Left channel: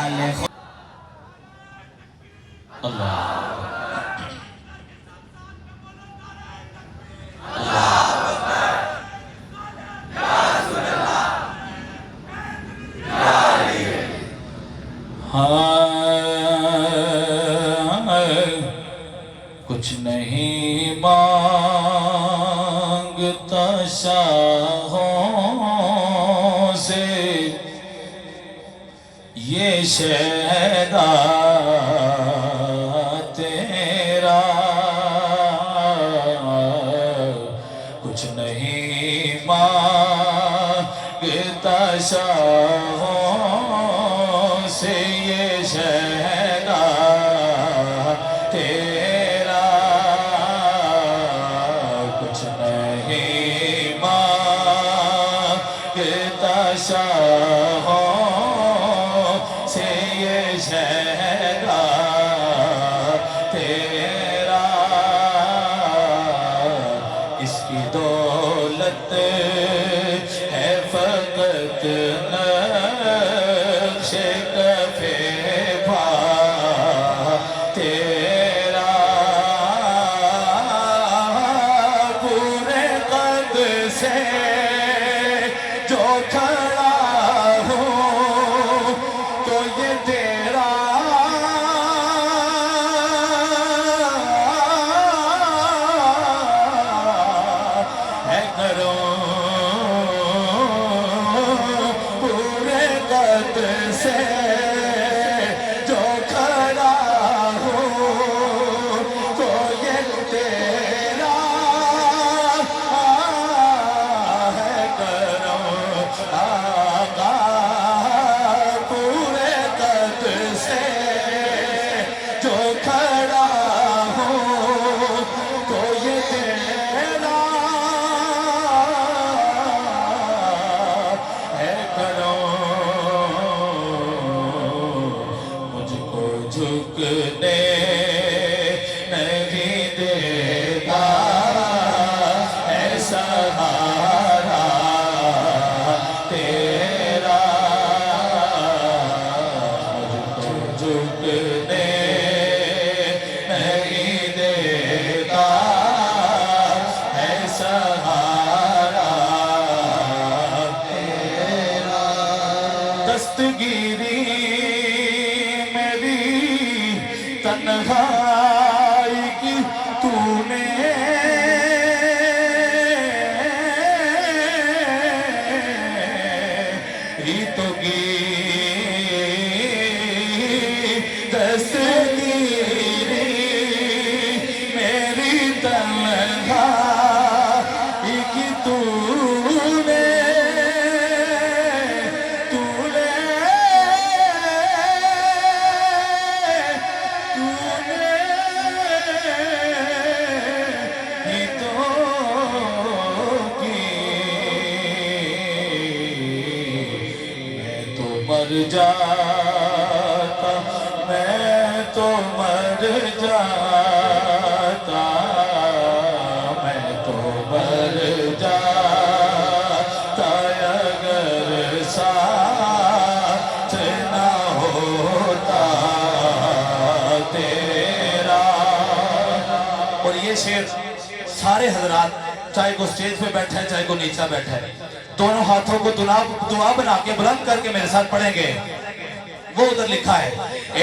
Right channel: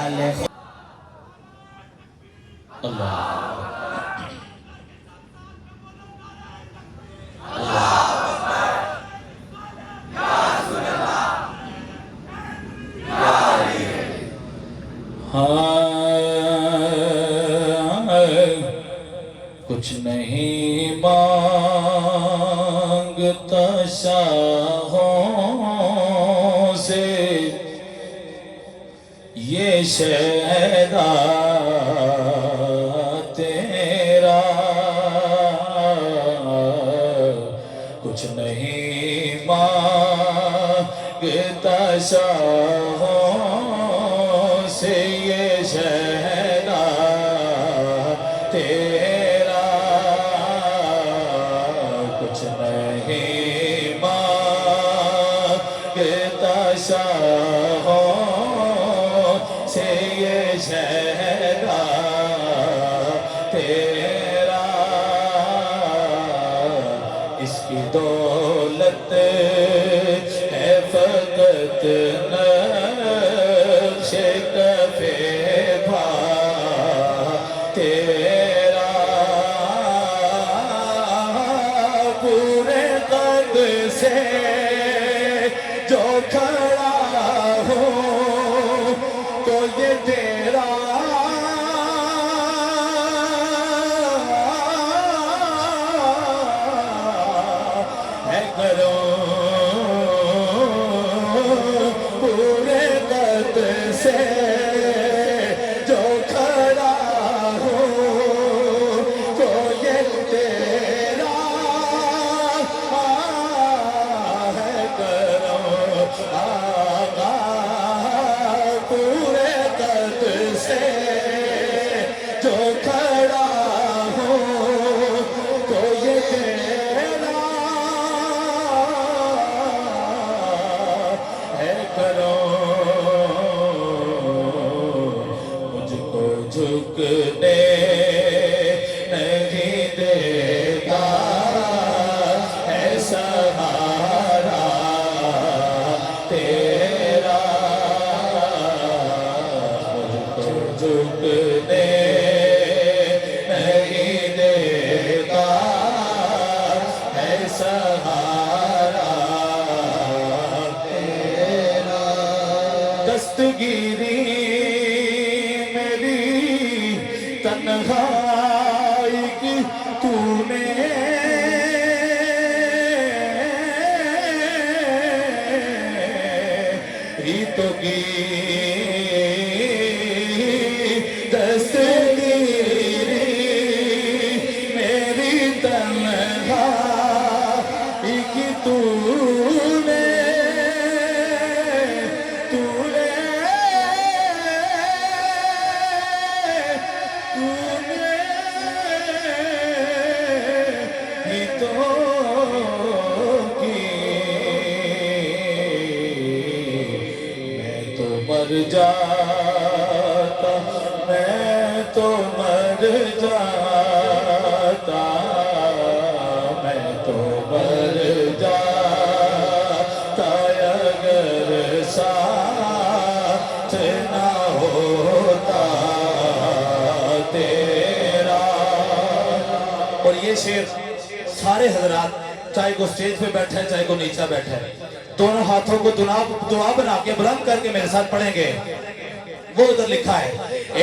اللہ کچھ نہیں مانگتا شاہوں سے یہ شہدا تیرا، کچھ نہیں مانگتا شاہوں سے یہ شہدا تیرا، کچھ نہیں مانگتا شاہوں سے یہ شہدا تیرا، اس کی دولت ہے فقط نقش کف پا تیرا، پورے قد سے جو کھڑا ہو تو یہ تیرا ہے کرم، پورے قد سے جو کھڑا ہو تو یہ تیرا ہے کرم، آقا پورے قد سے جو کھڑا ہو تو یہ تیرا ہے کرم، مجھ کو جھکنے نہیں دیتا ہے سہارا تیرا، مجھ کو جھکنے نہیں دیتا ہے سہارا تیرا، دستگیری میری تنہائی کی تو نے ہی تو کی، دستگیری میری تنہائی کی تو نے ہی تو کی، میں تو مر جاتا، میں تو مر جاتا، میں تو مر جاتا اگر ساتھ نہ ہوتا تیرا، اور یہ شعر سارے حضرات چاہے کوئی سٹیج پہ بیٹھا ہے چاہے کوئی نیچا بیٹھا ہے دونوں ہاتھوں کو دعا بنا کے بلند کر کے میرے ساتھ پڑھیں گے۔ وہ ادھر لکھا ہے،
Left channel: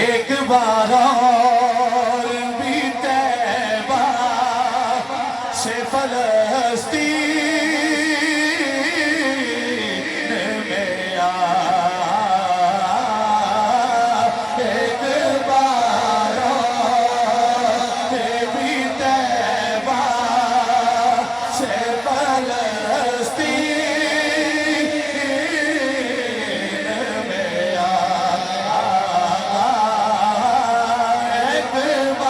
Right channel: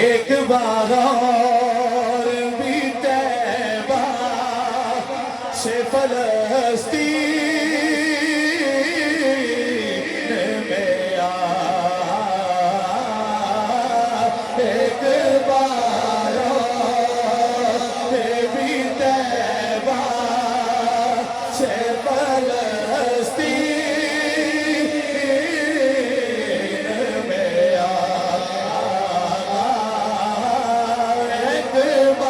ایک بار اور بھی طیبہ سے فلسطین میں آ، ایک بار اور بھی طیبہ سے فلسطین میں آ، ایک بار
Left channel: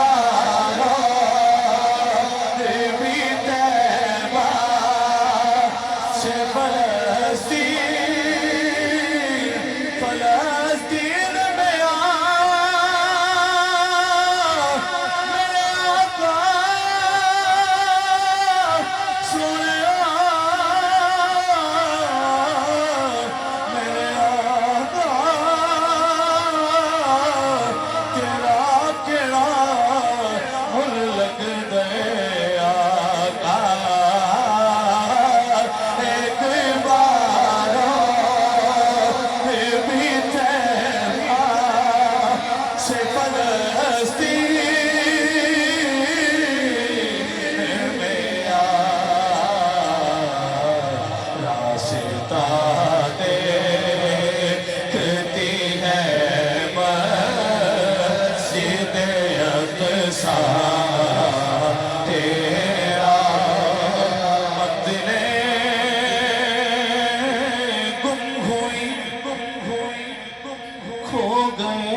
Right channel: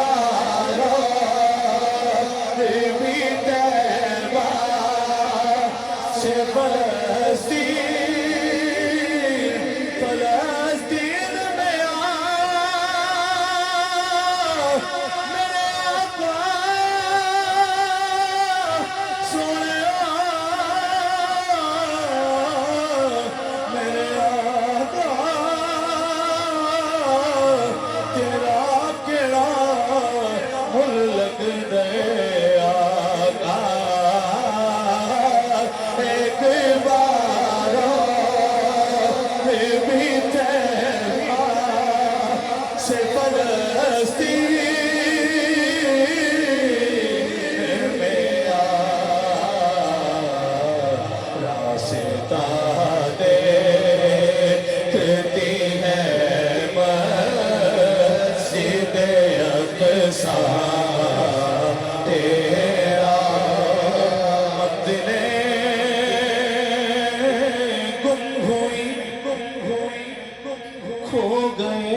گئے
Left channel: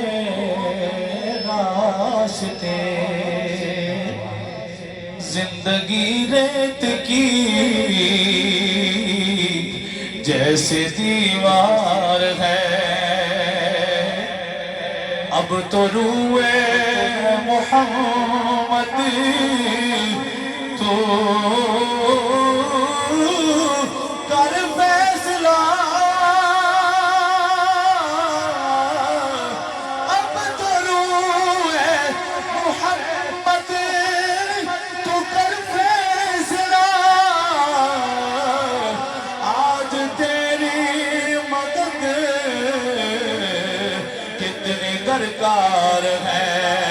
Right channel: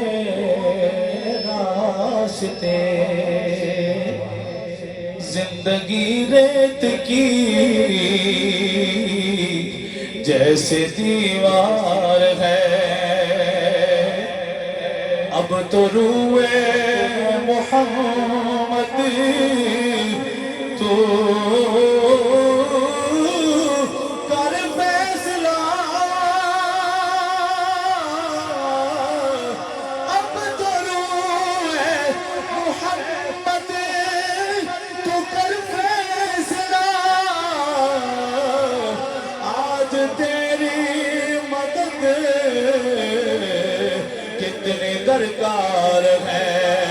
راستے، زندگی ریت کی جیسے دیوار ہے، اب تو روئے محمد تو کر فیصلہ، اب تو روئے محمد تو کر فیصلہ، آج تیری مدد کتنی درکار ہے۔